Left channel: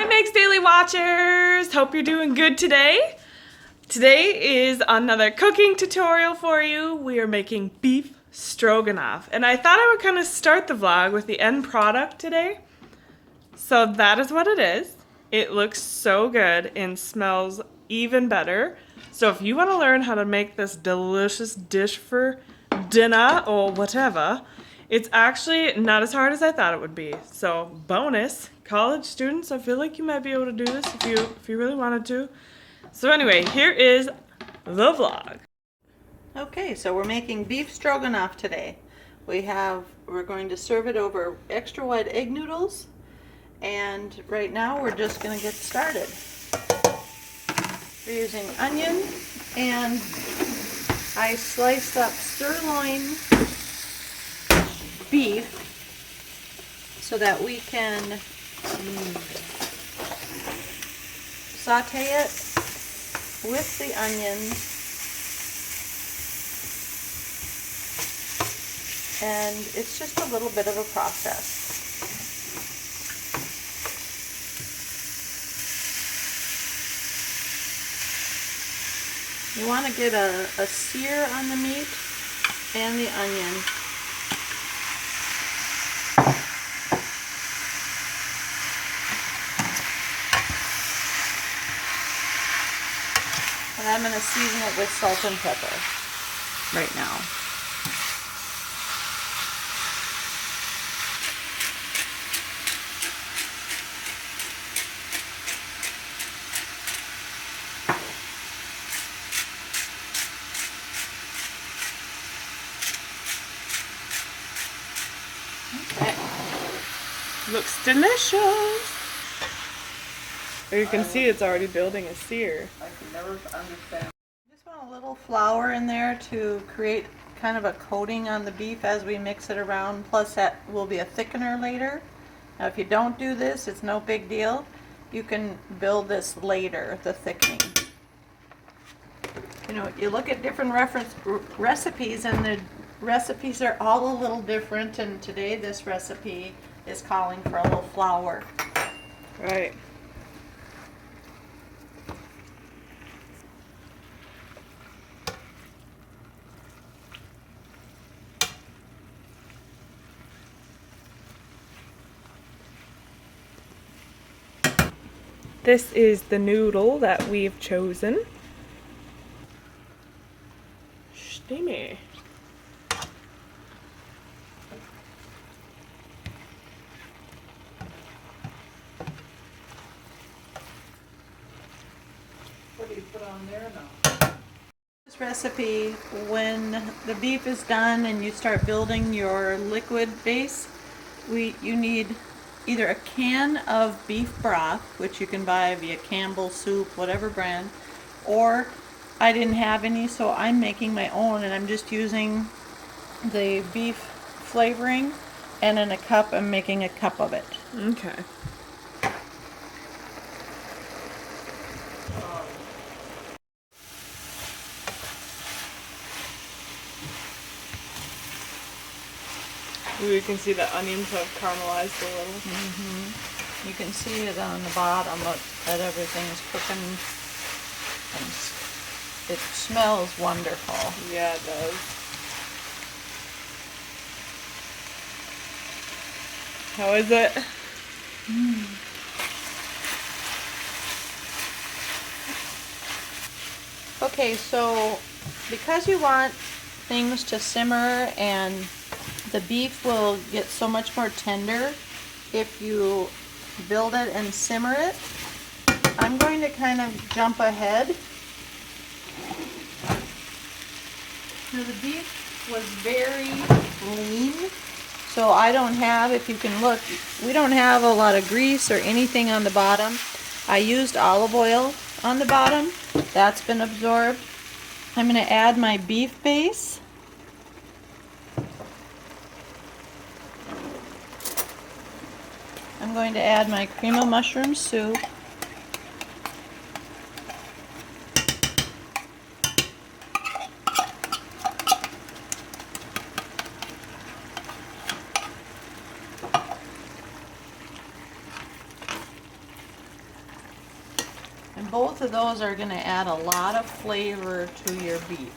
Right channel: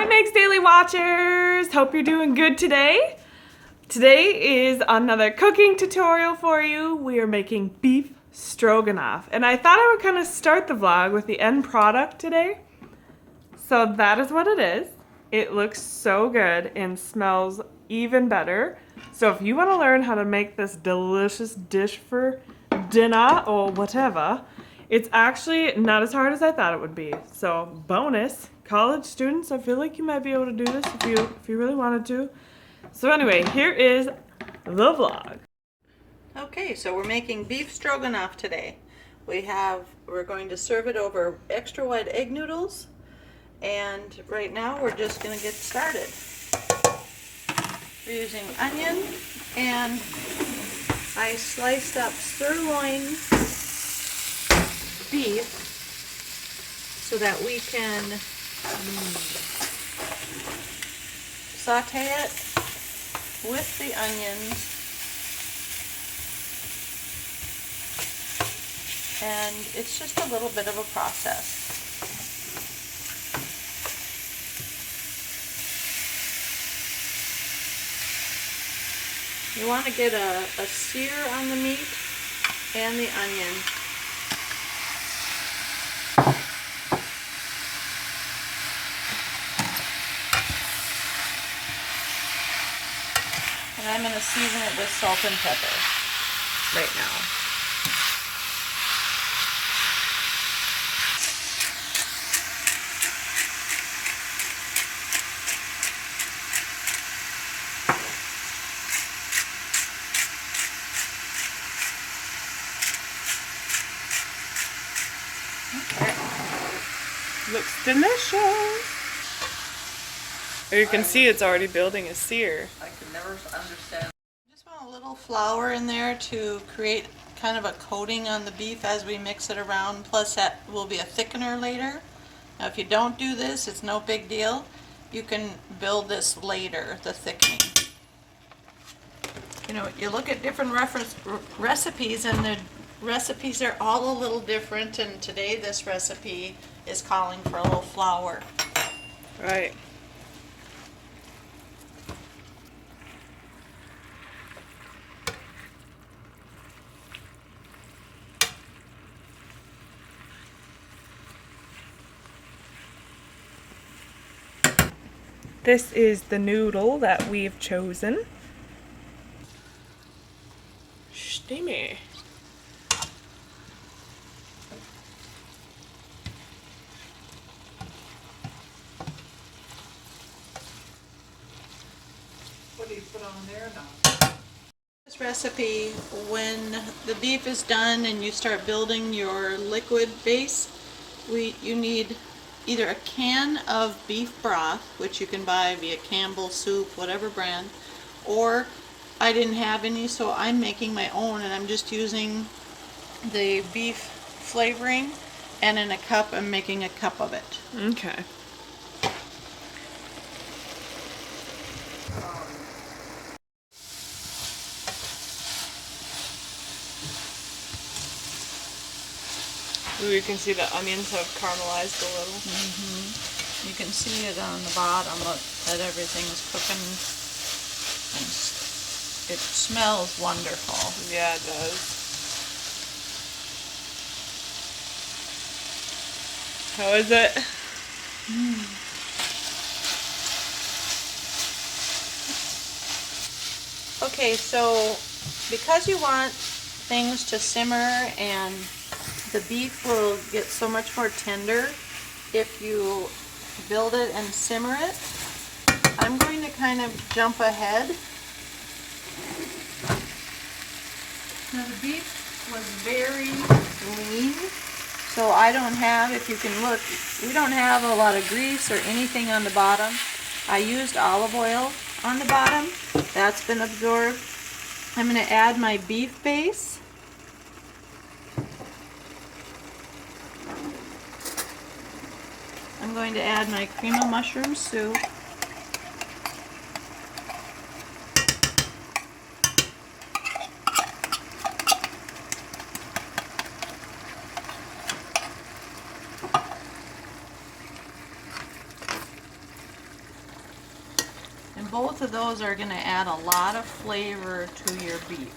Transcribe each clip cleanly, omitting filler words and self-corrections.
Hi Meg's Daily Watchers! Hope you're doing good today. Today is another cooking tutorial for you. We are making beef stroganoff. And I thought I would kind of start the vlog with the end product today. So that is what it is. It looks so good and smells even better. So if you want to learn how to make this delicious dish for dinner or whatever, it's actually not as hard as I thought it would be. So bonus, college students, I feel like you might be able to do this if you really wanted to. So anyway, here is the vlog. Okay, so we're making beef stroganoff today. We're going to serve it over extra wide egg noodles, and right now we're just going to get started. We're using onion, and I sliced up sirloin beef so that we can saute it with the onions, and it's just a little bit of a process. You want to get a sear on the meat and the onion. And I'm going to season it with salt and pepper right now. Okay. Looks delicious. You can see it's already building a sear. I can never understand. Just want a little flour in there to create kind of a coating on the beef as we mix it around, plus that will be a thickener later. Now if you don't do this, it's no big deal. You can build this later, the thickening. You know, you look at different recipes, and the recipes are all a little different, and today this recipe is calling for a little flour. Right. This is the noodle that we've chosen. Steamy. What do you put on there now? This recipe, when the beef is done and you start building your liquid base, you need either a can of beef broth, which you can buy via Campbell's Soup, whatever brand, or I didn't have any, so I'm making my own, and I'm just using the beef flavoring, and in a cup, I'm making a cup of it. Okay. Ooh, you can see the onions have caramelized a little. You can see it on the bottom that everything is cooking. And it smells wonderful. Yeah, it does. How is it? Okay, so because you want things to simmer and the beef will get so much more tender if you build it and simmer it, I'm going to kind of jump ahead. Now the beef was very lean, so I don't have, if you can look, we don't have a lot of grease or anything on the bottom. I used olive oil on the bottom. That's been absorbed. I'm going to add my beef base. I'm going to add my cream of mushroom soup. And both of those are going to add a lot of flavor to your beef.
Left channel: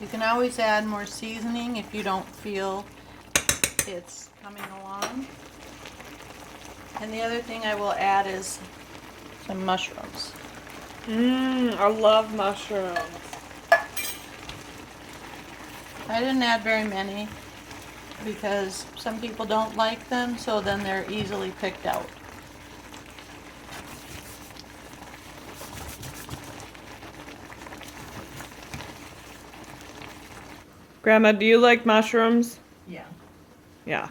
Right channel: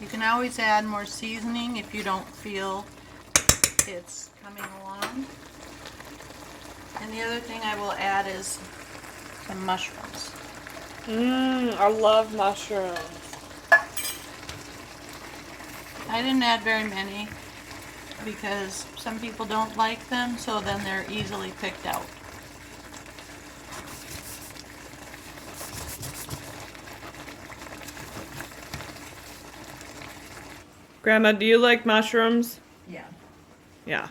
You can always add more seasoning if you don't feel it's coming along. And the other thing I will add is some mushrooms. I love mushrooms. I didn't add very many because some people don't like them, so then they're easily picked out. Grandma, do you like mushrooms? Yeah. Yeah.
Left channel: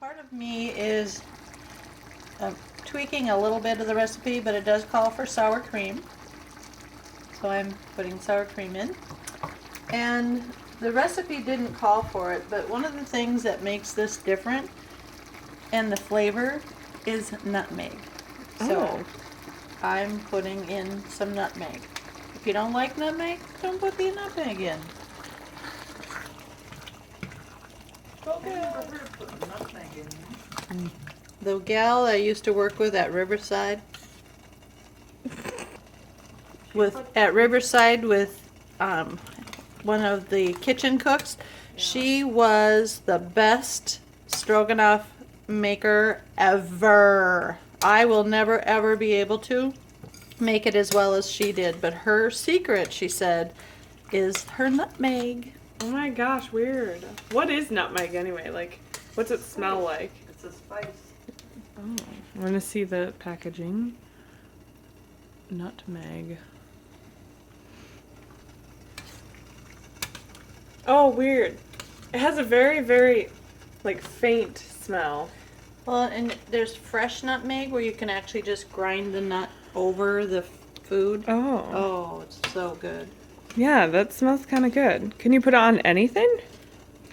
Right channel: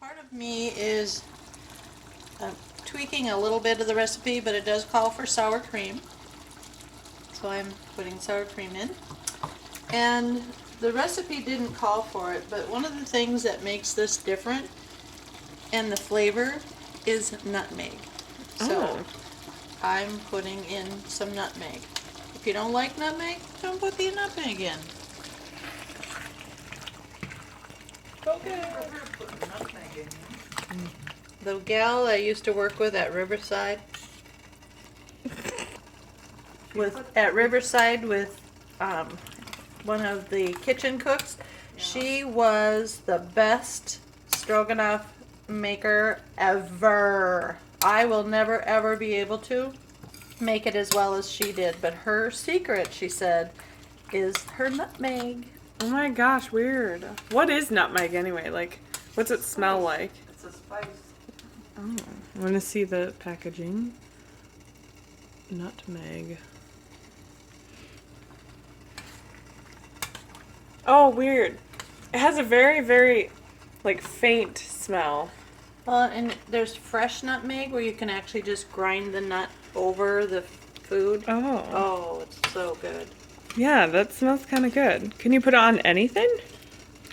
Part of me is tweaking a little bit of the recipe, but it does call for sour cream. So I'm putting sour cream in. And the recipe didn't call for it, but one of the things that makes this different and the flavor is nutmeg. So I'm putting in some nutmeg. If you don't like nutmeg, don't put the nutmeg in. The gal I used to work with at Riverside, with one of the kitchen cooks, she was the best stroganoff maker ever. I will never ever be able to make it as well as she did, but her secret, she said, is her nutmeg. Oh my gosh, weird. What is nutmeg anyway? Like, what's it smell like? It's a spice. Oh, I want to see the packaging. Nutmeg. Oh, weird. It has a very, very, like, faint smell. Well, and there's fresh nutmeg where you can actually just grind the nut over the food. Oh. Oh, it's so good. Yeah, that smells kind of good. Can you put it on anything?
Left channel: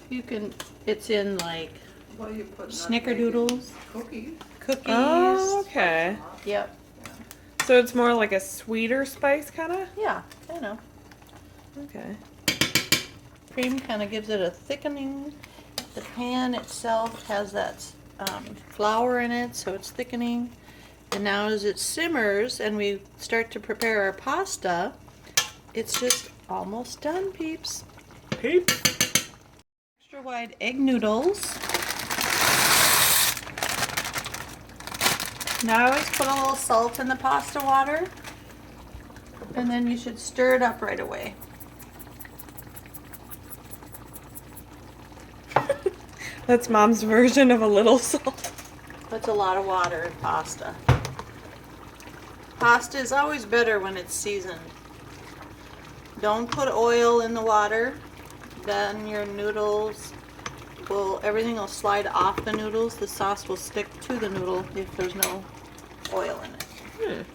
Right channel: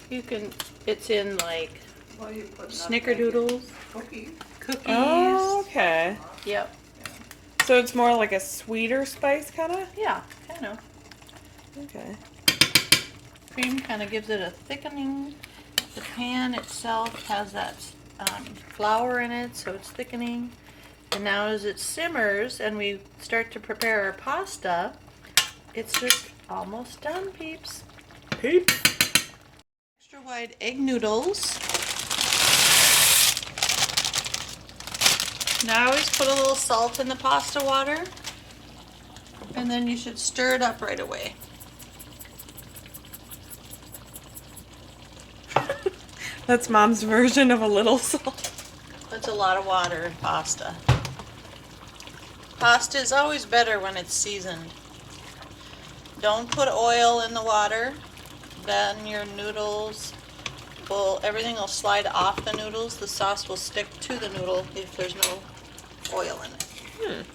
You can, it's in like Well, you put snickerdoodles, cookies. cookies. Oh, okay. Yep. So it's more like a sweeter spice, kind of? Yeah, kind of. Okay. Cream kind of gives it a thickening. The pan itself has that flour in it, so it's thickening. And now as it simmers and we start to prepare our pasta, it's just almost done, peeps. Extra wide egg noodles. Now I always put a little salt in the pasta water, and then you should stir it up right away. That's Mom's version of a little salt. That's a lot of water in pasta. Pasta is always better when it's seasoned. Don't put oil in the water, then your noodles will, everything will slide off the noodles. The sauce will stick to the noodle if there's no oil in it.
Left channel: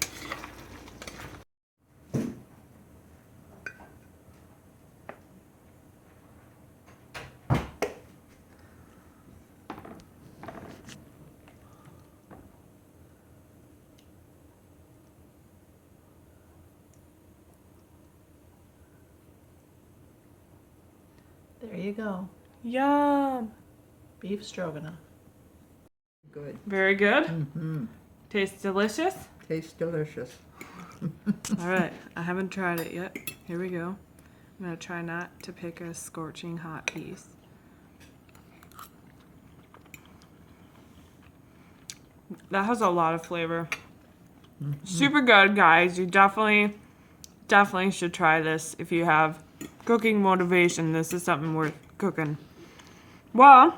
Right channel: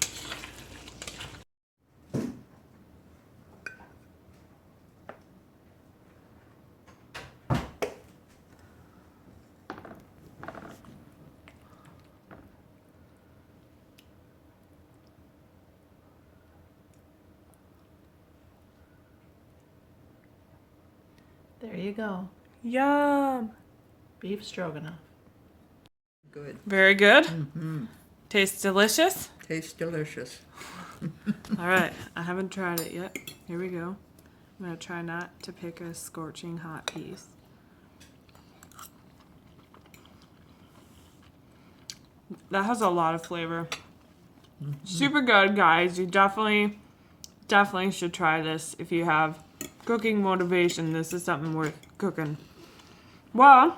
There you go. Yum. Beef stroganoff. Good. Very good. Mm-hmm. Tastes delicious. Tastes delicious. All right, I haven't tried it yet. Here we go. I'm gonna try not to pick a scorching hot piece. That has a lot of flavor. Super good, guys. You definitely should try this if you have cooking motivation. This is something worth cooking. Well,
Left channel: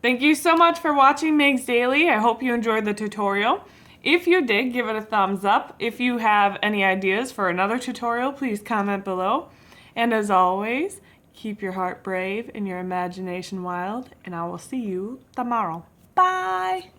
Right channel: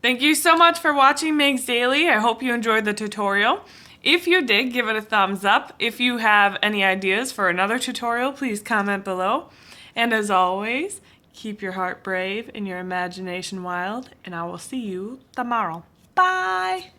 thank you so much for watching Meg's Daily. I hope you enjoyed the tutorial. If you did, give it a thumbs up. If you have any ideas for another tutorial, please comment below. And as always, keep your heart brave and your imagination wild, and I will see you tomorrow. Bye!